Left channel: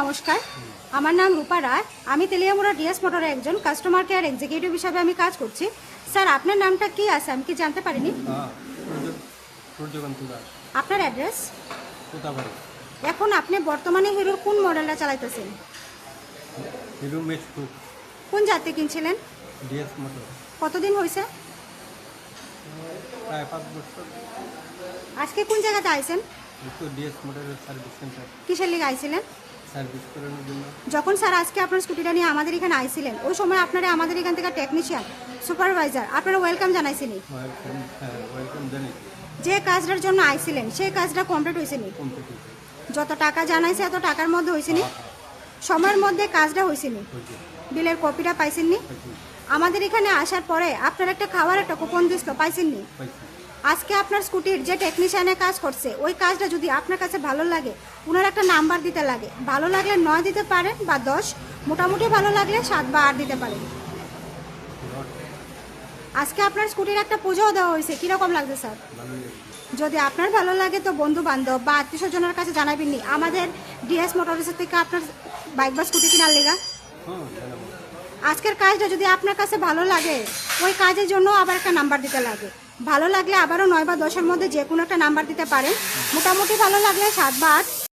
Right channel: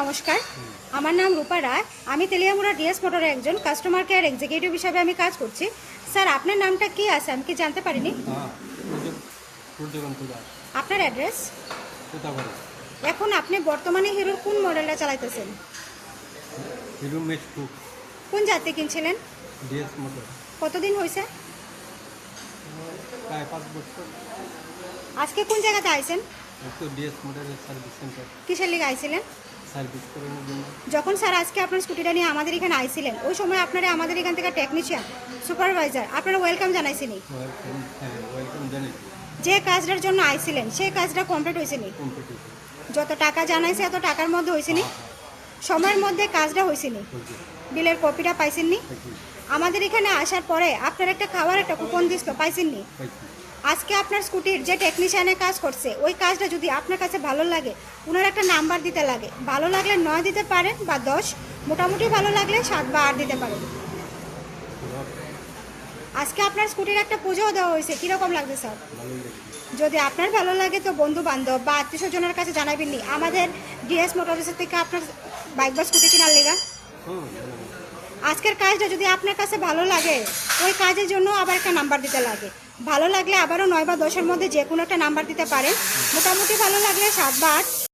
নমস্কার, আমার নাম রূপা রায়। আমি তেলিয়ামুড়া ডিএস মোটরের একজন কাস্টমার কেয়ার এক্সিকিউটিভ হিসাবে আমি কাজ করছি। স্যার, আপনার নামটা কি আছে আমি কি জানতে পারিনি? আপনার অ্যাড্রেস? এখন আপনি বর্তমানে হিরোর কোন মডেলটা চালাইতেছেন? হিরো মেক্স 2 কোন জাতি কিনছিলেন? DS motor. কতদিন হয়েছে? প্রায় 5 বছর। আজকে কোন জায়গাতে আইছেন? তো ডিএস মোটরের সার্ভিস সেন্টার। কিসের লিগে আইছিলেন? সার্ভিস করানোর জন্য। যখন স্যার আজকে আপনার স্কুটিটা নিয়ে আমাদের এখানে আইছিলেন, ওই সময় আপনারা আমাদের এখান থেকে টেকনিশিয়ান, সুপারভাইজার আপনারা ওয়েলকাম জানাইছিনি? ওয়েলকাম জানি। যে কাজটার জন্য আইছিলেন সেই কাজটা কমপ্লিট হয়েছিনি? কম্পিটিশন যত টাকা জানাইছে এত টাকার মধ্যে হয়েছিনি? সময়ের মধ্যে কাজটা হয়েছিনি? বিলের কপিটা পাইছেননি? আমাদের এখানে আসার পরে আপনার একটা খাওয়ার একটা কুপন দিস তো পাইছেননি? আজকে আপনার স্কুটির যে টেকনিশিয়ানে কাজ করছে ওই কাজটা যদি আপনার কাছে ভালো লাগে, ওনার একটা নাম্বার দিতে লাগে। ভালো লাগলে 9 দিতে পারেন বা 10, মোটামুটি ভালো লাগলে 7 বা 8 দিতে পারেন। আজকে আপনার স্কুটির একটা পুজোও দেওয়া হয়েছে, কিরকম লাগছে স্যার? যদি আপনার ভালো লাগে তো বন্ধু বান্ধব বা আত্মীয় স্বজনের কাছে জানাবেননি আমাদের ডিএস মোটরসের থেকে আপনার বাইক বা স্কুটি কেনার লেগা। আজকের কাজটা যদি আপনার কাছে ভালো লাগে, ওই কাজের জন্য আবার একটা নাম্বার দিতে লাগে। ভালো লাগলে আবারও 9 বা 10-এর মধ্যে যে কোনো একটা নাম্বার দিতে পারেন। মোটামুটি ভালো লাগলে 7 বা 8।